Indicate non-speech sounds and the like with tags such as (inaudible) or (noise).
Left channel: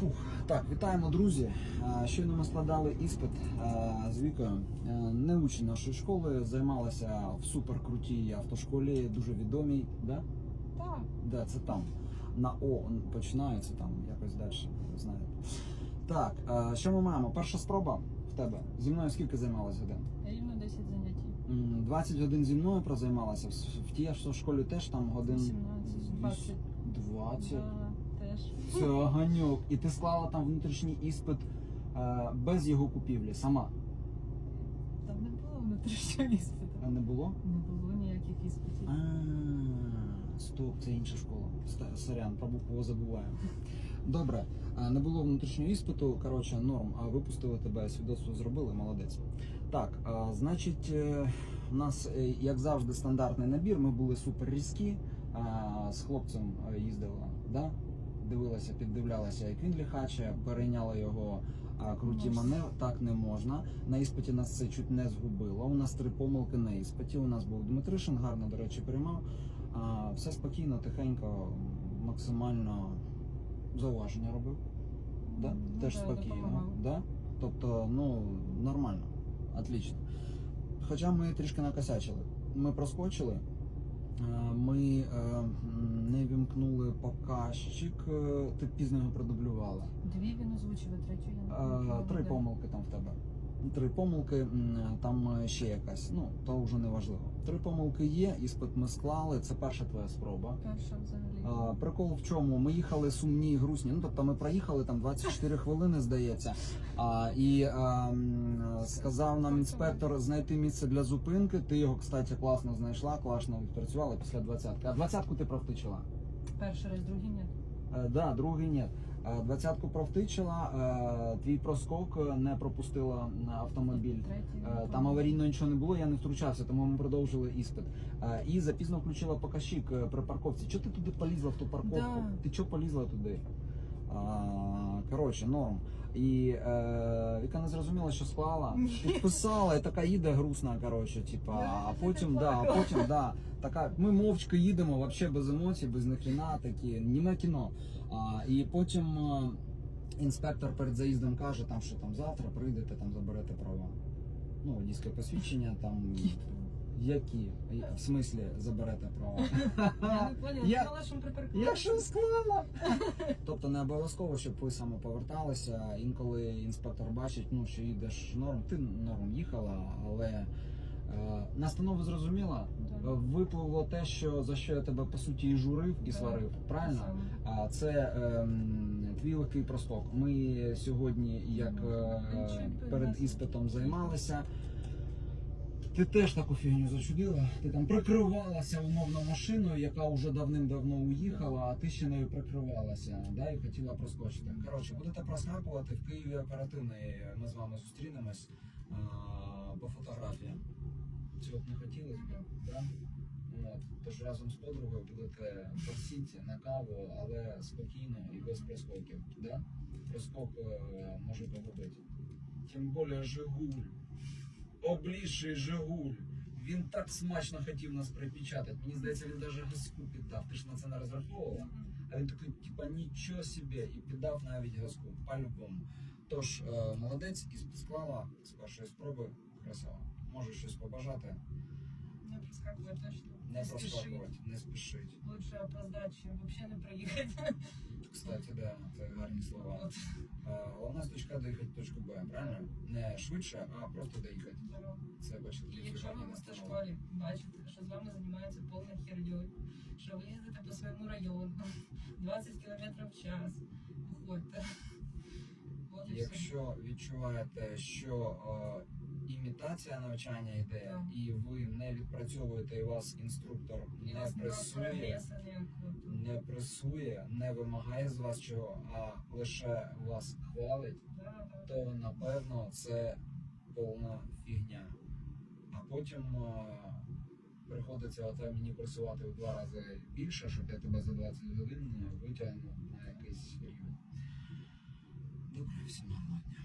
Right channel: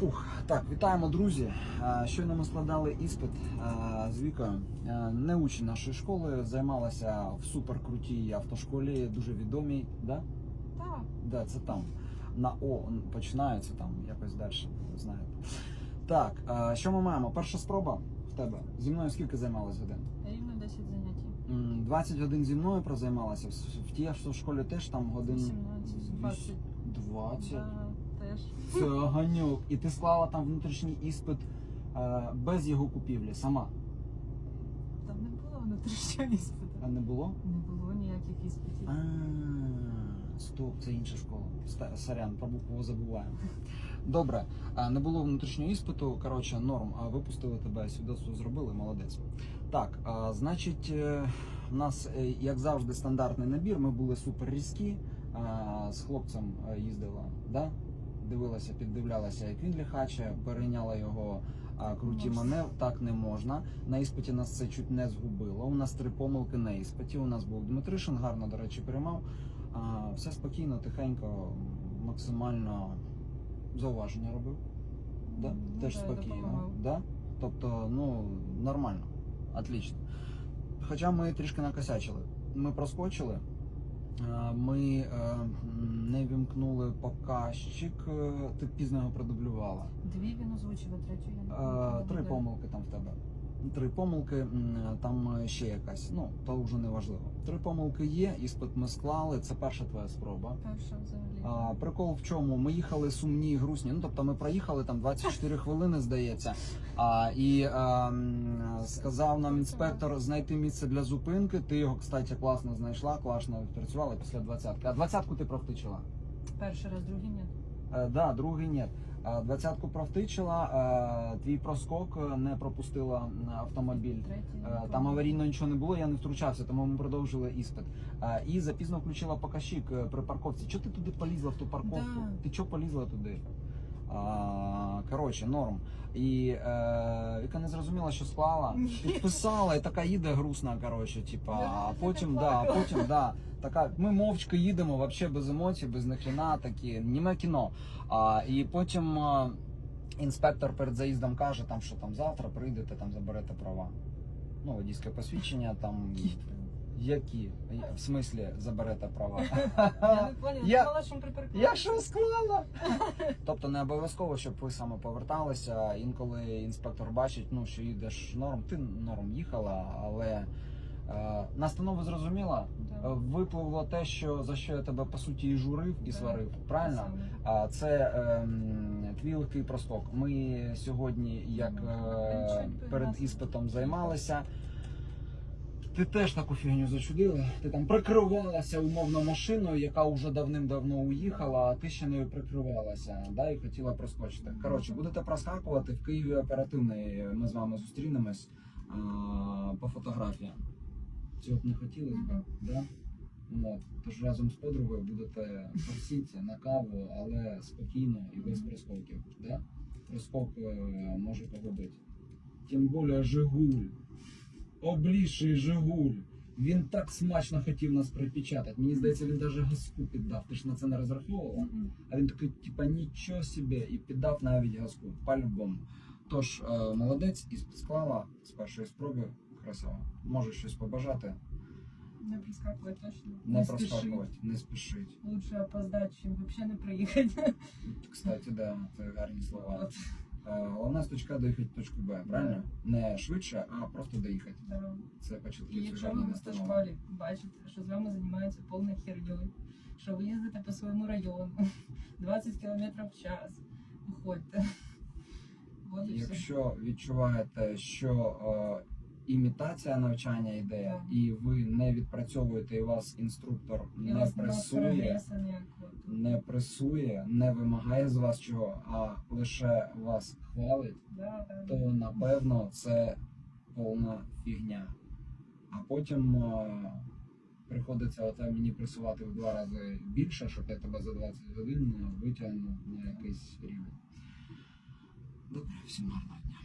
Фух, так, вітаємо, друзі. Е, Щойно ми складали іспит е, з Вікою. Е, Не учень нашої школи, займалася в суперкрутій автошколі, дуже відомій. Да? Так, Да, це там. На О починається там якось далі, ви знаєте. Так, що ми маємо? Перша спроба в тебе. Зі мною скільки займалась годин? рівно 10 занять. 20 годин зі мною прозаймалася. В, в тій автошколі теж там годин 18, 20. 20. Да, теж. Це ганьок. І ти склала там внутрішній іспит е, без його купівлі, сама. Там не було внутрішнього іспиту. А не було? Не було ніяких іспитів. А, стоп, це інша школа. Ста- Сорян, про букву забуваємо. Добре, а, не було внутрішнього іспиту. Коротше, норм. А випустили тебе, свідоцтво зробили, молодець. Так, а, значить, е, у нас, е, як завжди, стандартний набір. Ми були супер різкі. А, з хлопцем е, їздила, да? Дивилася, піддивлялася, як він ліхаче, перейняла його а, круті маневри. Так не можна. На іспиті нас це чуть не згубило. У нас три помилки на іспиті. У нас був Дмитришин, гарно, до речі, приймав. А, все спокійно, тихенько, максимально зауваження робив. Да? Ну, Теж да, спокійно. Да? Тобто, ну, нормально, отлично. Хоча ми трішки накосячили. Ми проскочили, ми е, не вімкнули показчик, е, ти пізно його продублювала. Дві він озвучив, а третю я не Е. Три помилки там в тебе. Три помилки, там е, ще якась. Ну, то вже не важливо. Три помилки є, іспит ми склали. Це перша твоя спроба. Перша взагалі. А, прикол в чому? Ми їхали сумні, грустні. Ну тобто ми проїхали там 24 (laughs) хвилини, здається. А, і а, сказав нам інспектор знайти місце для зупинки. Ти його, кстати, класно знайшла, класно відпрацювала після двадцятки. А двадцятку ти провтичила? Перший раз, другий ні. Е, да, другий ні. Е, Двадцятку провтичила, е, твій проскок е, не пропустила автомобіль. Третій. Там аварійно нічого не було, я не втручався, тому ми продовжили іспит. І запізно включила показчик е, при парковці. Чого ти туди полізла в ту парковку? Да. Ти чого полізла туди? Коротше, норм. І е, Віка не зрозуміла, що склала. Підписала і така їде грустна. Коротше, типа, а потім, да, а потім, да, така, ми мовчки їдемо, вообще без емоцій, без нахріна, такі, німе кіно. А, і потім. е, Інспектор перед заїздом каже, там, що там завтра прийдете, там заберете права. Ну, водійське посвідчення, там які? В смислі заберете права? Я не поняла, Я- думала, що ми. Я що склала? тобто не обов'язково, щоб ви саме поверталися. Інколи інспектор бачить, ну що їдеш норм, ти норм їхала, але е, настанову зрозуміла. Да. Е, Випливло те, що за що я тебе по суті і журив, і Да. сварив. Правильно? А це ем, твій легкий проскок. Ми сьогодні, як е, перед іспитом займалися. Ти теж таку фігню зачудили. Ти там прикривалася умовно машиною, яка вже давним-давно уїхала, а ти ще нею прикривалася, да, і хотіла проскочити. Коротше, будете проскакувати в Києві оперативний. Ми з вами зустрінемось а, по фотографіям. Цього б не хотілося б, да? От. Тож разом з подругою будете посіти на каву, але спокійно і без проскоків. Да? Проскок е, може погубити. Тим більше Жигуль. Обліший Жигуль. Він так смачно хотів нас припечатати. Мені здається, він навіть газку піддав. Ти ж на це не розраховувала? Мгм. А він такий, типа, нічого собі, і піддав навіть газку. По-любому. Тож, е, молодець, і склала з першої спроби. Красава. Може щось побажати, Не проскакувати точно. не, спіши. проскакувати, не спішить. Лучше опоздати, чим взагалі не приїхати. Кстати, да, це гарні слова. От. Е, Головна з точка доїхати в точку Б, правильно? Не швидше, а просто доїхати. Це І якщо ви в автошколі бачите, що з вами займаються повна херньою, що ви їздите по своєму району (laughs) 20 км в час, (laughs) все. Якщо відчуваєте, що е, імітація навчання йде, Так. і ви не відпрацьовуєте, і вас інструктор І не вас нема пресує, прогресу ніякого. не пресує, не вимагає з вас чого, а лише вас хвалить, Да, да. то напевно це повна фігня. А потім е, приходиться оте мені пресувати в два рази більше, щоб я тебе за 20 годин витягнув на якийсь рівень. Добре, всім гарного дня.